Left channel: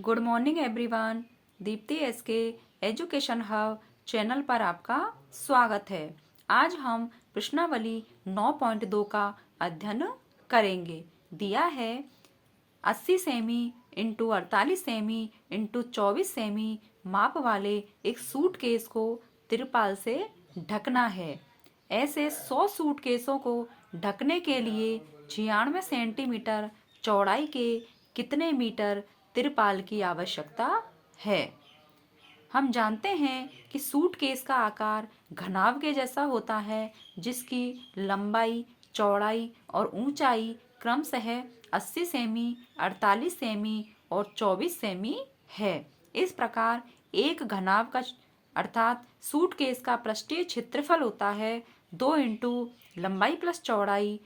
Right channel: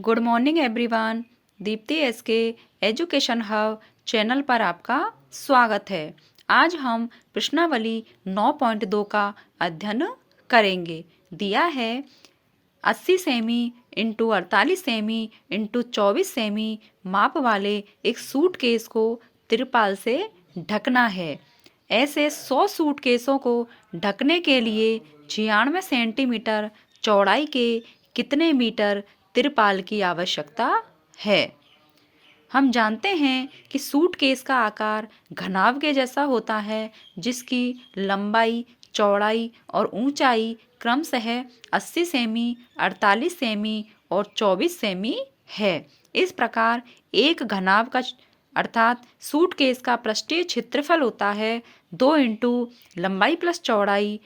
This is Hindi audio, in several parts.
Good morning everyone. Deepti SK education hub channel पर आपका स्वागत है। आज हम प्रश्नावली 9.2 का अध्ययन करेंगे। दिया है 80 semi into 48 semi into 24 semi माप वाले एक सूटकेस को तिरपाल से ढकना है। ऐसे 100 सूटकेसों को ढकने के लिए 96 सेंटीमीटर चौड़ाई के कितने मीटर तिरपाल की आवश्यकता है। हम जानते हैं कि सूटकेस का आकार घनाभ के जैसा होता है, जिसकी लंबाई, चौड़ाई और ऊंचाई क्रमशः 80 सेमी, 48 सेमी और 24 सेमी है। इस प्रकार एक घनाभ का अर्थात सूटकेस का पृष्ठीय क्षेत्रफल होता है 2 इंटू लंबाई प्लस चौड़ाई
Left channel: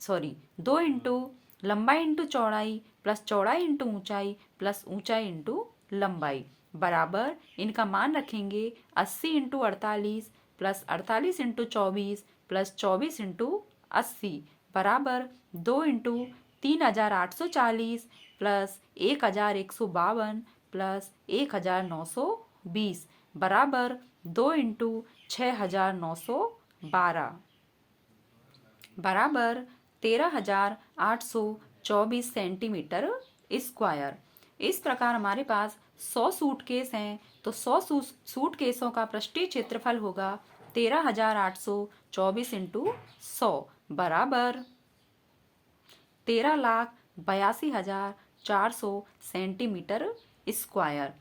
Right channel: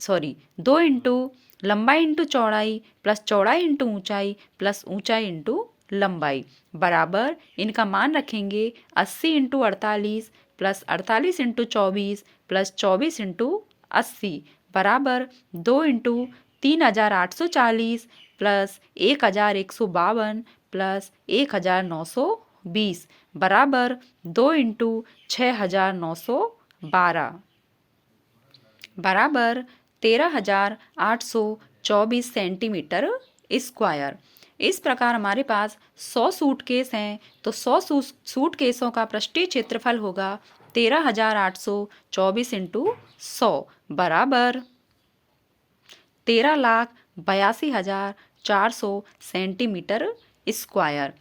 2 इंटू लंबाई इंटू चौड़ाई प्लस चौड़ाई इंटू ऊंचाई प्लस ऊंचाई इंटू लंबाई बराबर इनका मान रखेंगे 80 into 48 plus 48 into 24 plus 24 into 80 बराबर 2 इंटू 3840 प्लस 1152 प्लस 1920 बराबर 2 इंटू 6912 बराबर 13,824 सेंटीमीटर स्क्वायर। इस प्रकार हमारे पास 100 सूटकेस हैं, तो 100 सूटकेसों का पृष्ठीय क्षेत्रफल होगा 13,824 इंटू 100 बराबर 13,82,400 सेंटीमीटर स्क्वायर।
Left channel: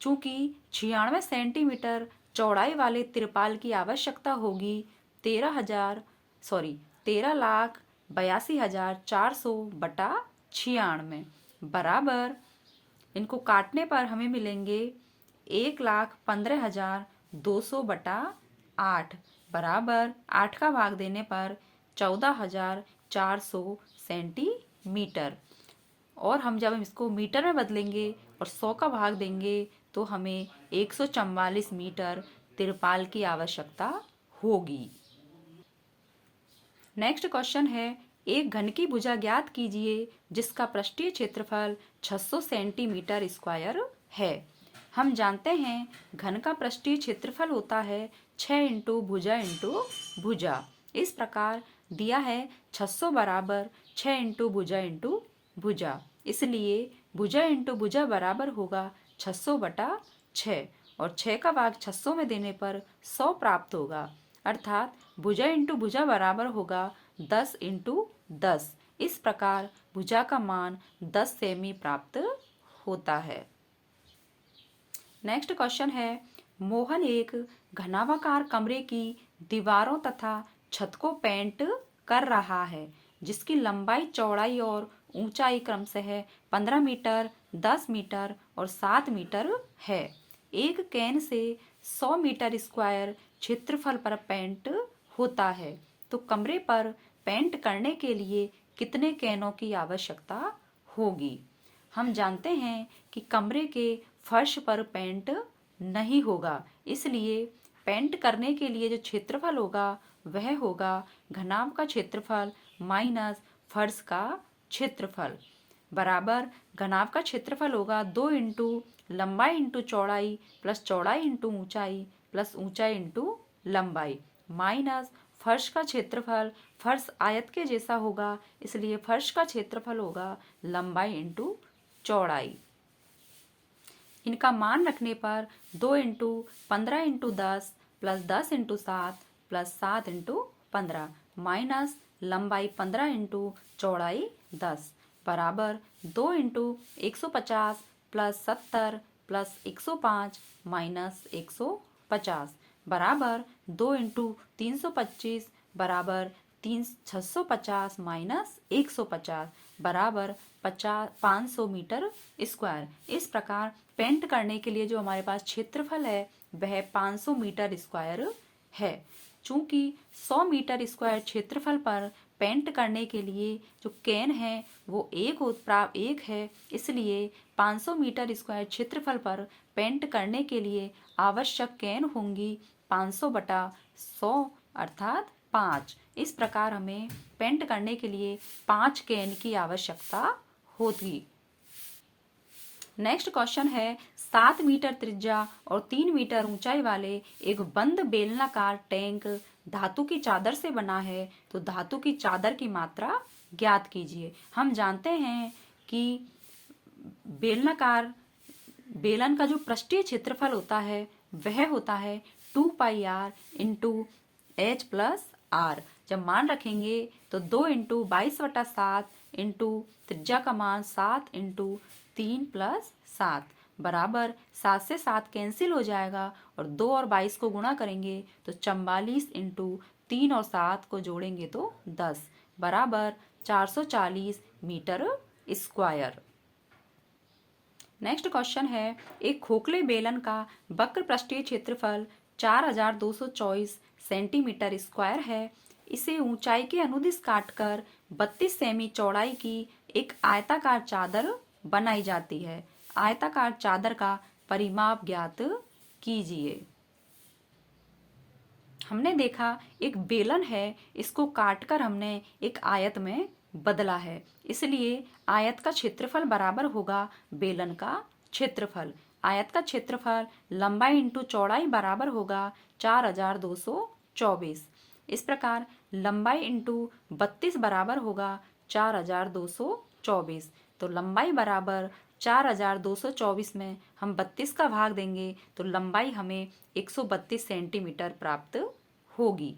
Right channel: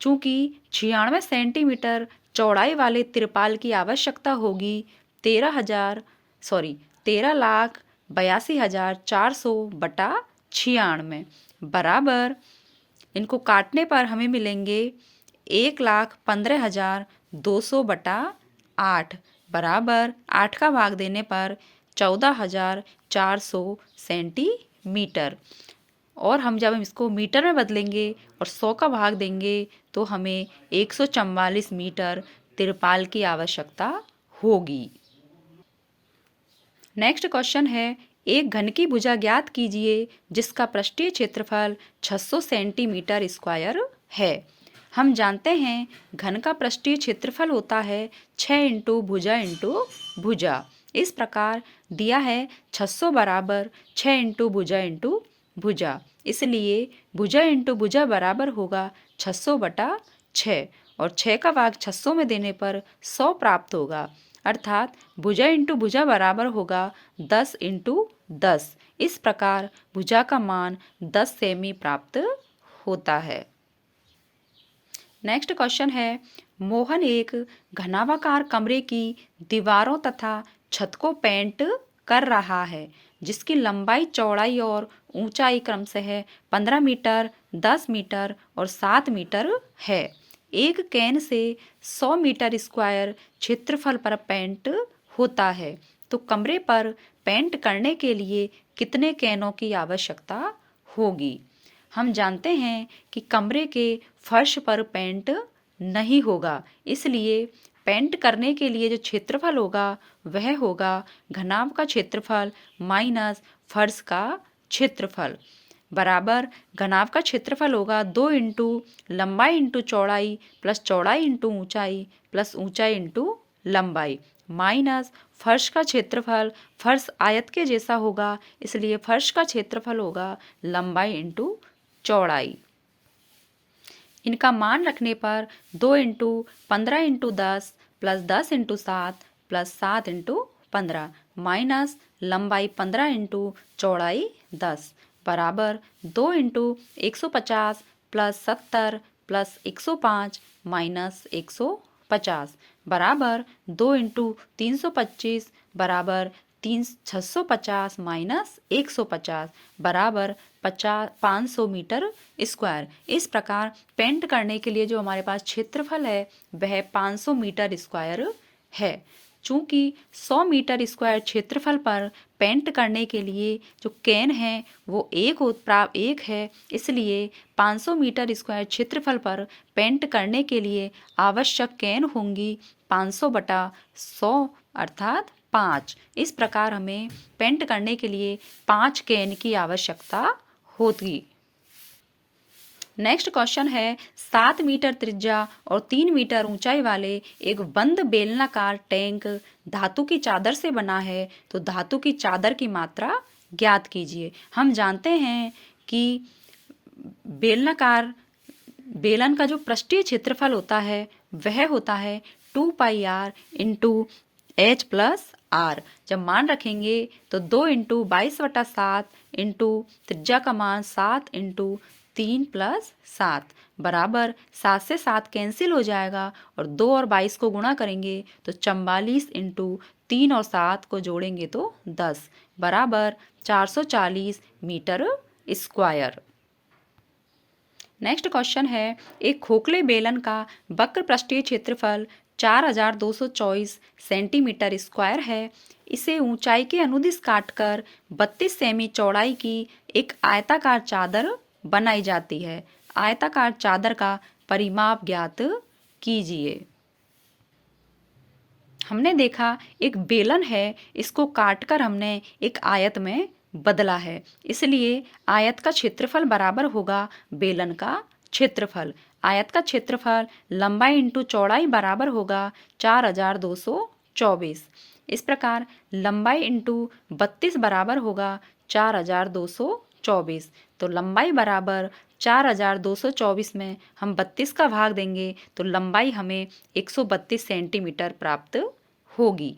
चूँकि 96 सेंटीमीटर चौड़ाई वाले तिरपाल की आवश्यकता होगी 13,82,400 बटा 96 बराबर इनको काटने पर हमें मिलेंगे 1,15,200 बटा 8 बराबर 8 का भाग देने पर 14,400 सेंटीमीटर। और हम जब इसको मीटर में बदलेंगे और 100 का भाग देंगे तो हमें 144 मीटर तिरपाल की आवश्यकता होगी। नेक्स्ट क्वेश्चन है, एक घन की भुजा ज्ञात कीजिए जिसका पृष्ठीय क्षेत्रफल 600 सेंटीमीटर स्क्वायर है। हम जानते हैं घन का पृष्ठीय क्षेत्रफल होता है 6 इंटू भुजा इंटू भुजा। इस प्रकार दिया है 600 बराबर 6 इंटू भुजा भुजा, इसलिए भुजा इंटू भुजा बराबर होगा 600 बटा 6 और 6 का भाग 600 में देने पर 100 प्राप्त होगा, अर्थात भुजा इंटू भुजा बराबर होगा 10 इंटू 10। इस प्रकार भुजा का मान 10 सेमी प्राप्त होता है। नेक्स्ट क्वेश्चन है, मोहन एक घनाभाकार कमरे की दीवारों तथा छत को पेंट कर रहा है, जिसकी लंबाई, चौड़ाई और ऊंचाई क्रमशः 15 मीटर, 10 मीटर और 7 मीटर है। एक कैन से 100 मीटर स्क्वायर क्षेत्रफल पर पेंट होता है, तो कमरे पर पेंट करने के लिए कितने कैनों की आवश्यकता होगी। हम जानते हैं कि कमरे के फर्श पर पेंट नहीं होगा, इसलिए पेंट करने के लिए जो क्षेत्रफल होगा वह होगा घनाभ का क्षेत्रफल माइनस फर्श का क्षेत्रफल बराबर घनाभ का क्षेत्रफल होगा 2 इंटू लंबाई इंटू चौड़ाई प्लस चौड़ाई इंटू ऊंचाई प्लस ऊंचाई इंटू लंबाई माइनस फर्श का क्षेत्रफल, फर्श आयत के जैसा होगा इसलिए फर्श का क्षेत्रफल होगा लंबाई इंटू चौड़ाई। इनका मान रखने पर 2 into 15 into 10 plus 10 into 7 plus 7 into 15 minus लंबाई 15 इंटू चौड़ाई 10 बराबर 2 इंटू 150 प्लस 70 प्लस 105 माइनस 150 बराबर 2 इंटू 325 बराबर 650 माइनस 150 बराबर 500 मीटर स्क्वायर। इस प्रकार पेंट करने के लिए जो हमारे पास क्षेत्रफल है वह 500 मीटर स्क्वायर है। चूंकि 100 मीटर स्क्वायर क्षेत्रफल पर पेंट करने के लिए जो कैन है वो एक है, इसलिए 500 मीटर स्क्वायर क्षेत्रफल पर पेंट करने के लिए आवश्यक कैन होंगी 500 बटा 100 अर्थात 5। इस प्रकार हमें पेंट करने के लिए 5 कैन की आवश्यकता होगी। नेक्स्ट क्वेश्चन है 7 मीटर त्रिज्या और 3 मीटर ऊंचाई वाले एक बंद बेलनाकार टैंक धातु की चादर से बना है, तो धातु की चादर की मात्रा ज्ञात कीजिए। हम जानते हैं कि बेलनाकार बेलन का जो पृष्ठीय क्षेत्रफल होता है वह होता है 2 pi r into H plus R. जब मान रखेंगे तो 2 इंटू 22/7 इंटू त्रिज्या का मान 7 इंटू 3+7 बराबर 7 से 7 कैंसिल हो जाएगा और 2 और 22 को गुणा करेंगे तो 44 इंटू 3 और 7 को जोड़ेंगे तो 10 बराबर 440 मीटर स्क्वायर। नेक्स्ट क्वेश्चन है एक खोखले बेलन का वक्र पृष्ठीय क्षेत्रफल 4224 सेंटीमीटर स्क्वायर है। इसे ऊंचाई के अनुदिश काटकर 32 सेमी चौड़ाई की एक आयताकार चादर बनाई जाती है। आयताकार चादर का परिमाप ज्ञात कीजिए। हमने देखा एक बेलन है, इसको काटकर हमने एक आयत में बदला है, इसलिए आयत का क्षेत्रफल बराबर होगा बेलन का क्षेत्रफल। आयत का क्षेत्रफल लंबाई इंटू चौड़ाई बराबर होगा 4224। इस प्रकार लंबाई इंटू 32 बराबर होगा 4224। तो लंबाई बराबर 4224 में हम 32 का भाग देंगे तो लंबाई हमें 132 सेंटीमीटर प्राप्त होगी।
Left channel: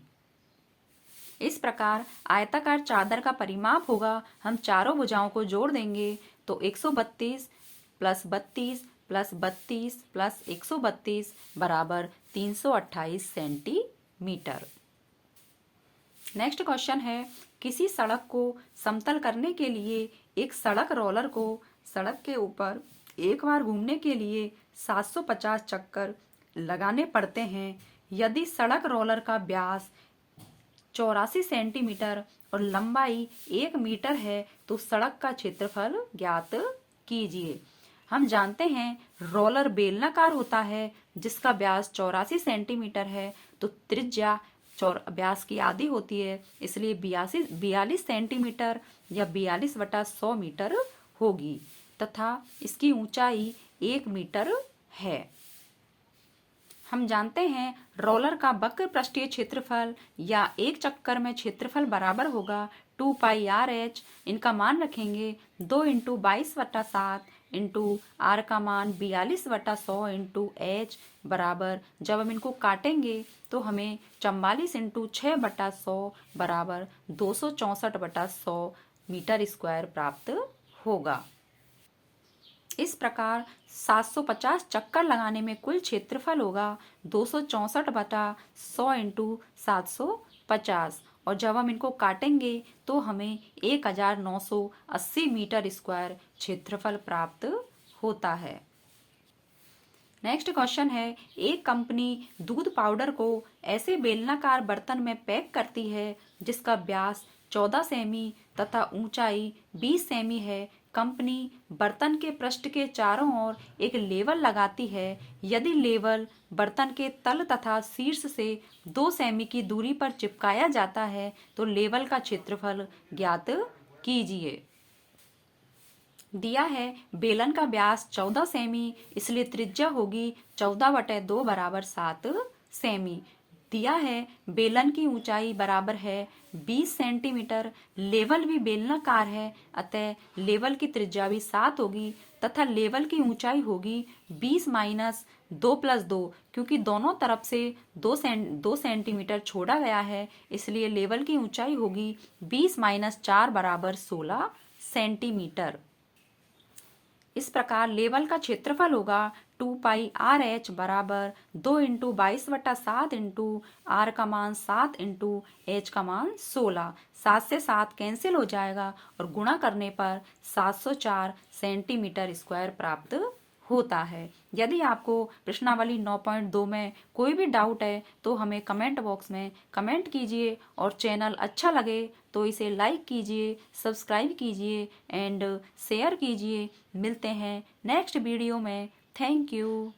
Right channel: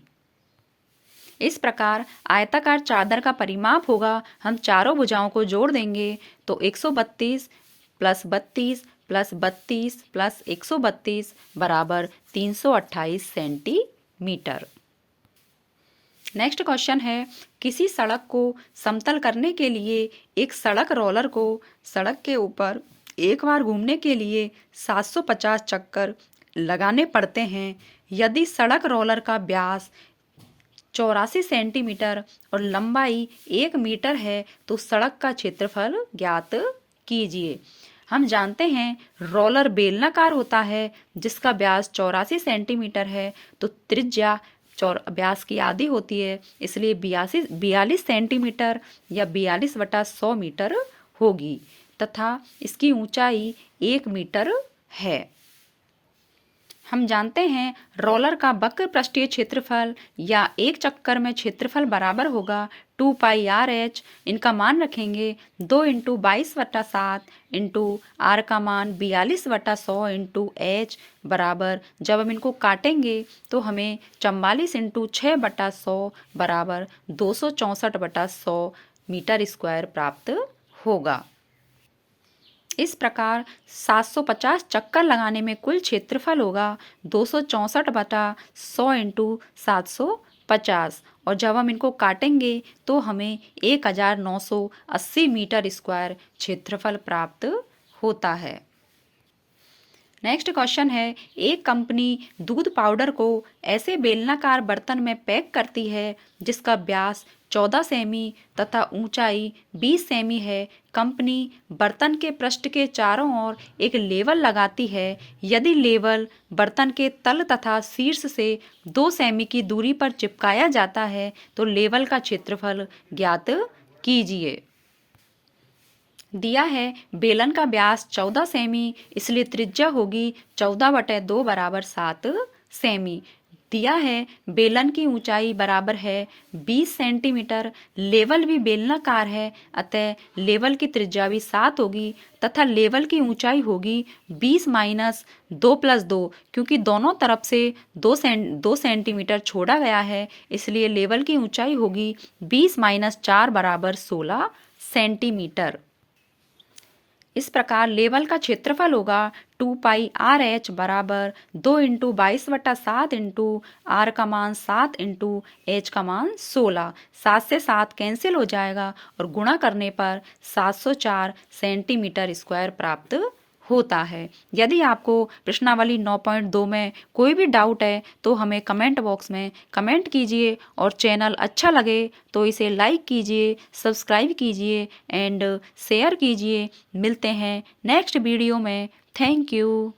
इस प्रकार आयताकार चादर का परिमाप होगा, हम चारों भुजाओं को जोड़ देंगे तो 132 प्लस 32 प्लस 32 प्लस 132 बराबर 328 सेंटीमीटर। नेक्स्ट क्वेश्चन है किसी सड़क को समतल करने के लिए एक सड़क रोलर को सड़क के ऊपर एक बार घूमने के लिए 750 चक्कर लगाने पड़ते हैं। यदि सड़क रोलर का व्यास 84 सेंटीमीटर और लंबाई 1 मीटर है तो सड़क का क्षेत्रफल ज्ञात कीजिए। हम जानते हैं रोलर बेलनाकार होता है जिसका व्यास 84 सेंटीमीटर है, तो त्रिज्या व्यास की आधी होती है, इसलिए 42 सेंटीमीटर या 42/100 मीटर होगी तथा इसकी ऊंचाई 1 मीटर है। हम जानते हैं रोलर का वक्र पृष्ठीय क्षेत्रफल या एक चक्कर में क्षेत्रफल बराबर होगा 2 पाई r h। इनका मान रखेंगे 2 इंटू 22/7 इंटू आर का मान 42/100 इंटू एच बराबर, जब हम इनको काटेंगे तो हमें 44 इंटू 6/100 बराबर 264/100 मीटर स्क्वायर प्राप्त होगा। इस प्रकार 750 चक्कर लगाने में कुल क्षेत्रफल होगा 264/100 इंटू 750 और जब हम इनको काटेंगे तो हमें 1980 मीटर स्क्वायर क्षेत्रफल प्राप्त होता है। नेक्स्ट क्वेश्चन है एक कंपनी दूध पाउडर को ऐसे बेलनाकार बर्तन में पैक करती है जिसका व्यास 14 सेमी तथा ऊंचाई 20 सेमी है। कंपनी बर्तन के पृष्ठ के चारों ओर एक लेवल लगाती है। यदि लेवल बर्तन के तल तथा शीर्ष से 2 सेमी की दूरी पर चिपकाया जाता है तो लेवल का क्षेत्रफल ज्ञात कीजिए। दिया है बेलन का व्यास 14 सेमी, इसलिए त्रिज्या होगी 14/2 बराबर 7 सेमी। दिया है बेलन की ऊंचाई बराबर है 20 सेंटीमीटर। लेवल भी बेलनाकार है, अतः लेवल की त्रिज्या भी 7 होगी तथा लेवल की ऊंचाई होगी 20 माइनस 2 प्लस 2, क्योंकि दोनों तरफ से 2 सेंटीमीटर छोड़ा गया है, इसलिए लेवल की ऊंचाई होगी 20 माइनस 4 बराबर 16 सेंटीमीटर। इस प्रकार लेवल का क्षेत्रफल होगा 2 पाई r h बराबर 2 इंटू 22/7 इंटू आर का मान 7 इंटू एच का मान 16। 7 से 7 कैंसिल हो जाएगा और गुणा करने पर 704 सेंटीमीटर स्क्वायर प्राप्त होता है। यदि आपको प्रश्नावली 9.2 में कोई भी डाउट है तो हमें कमेंट बॉक्स में कमेंट कीजिए और चैनल अच्छा लगे तो इसे लाइक कीजिए, सब्सक्राइब कीजिए एंड शेयर कीजिए। मिलते हैं नेक्स्ट वीडियो में। Thank you.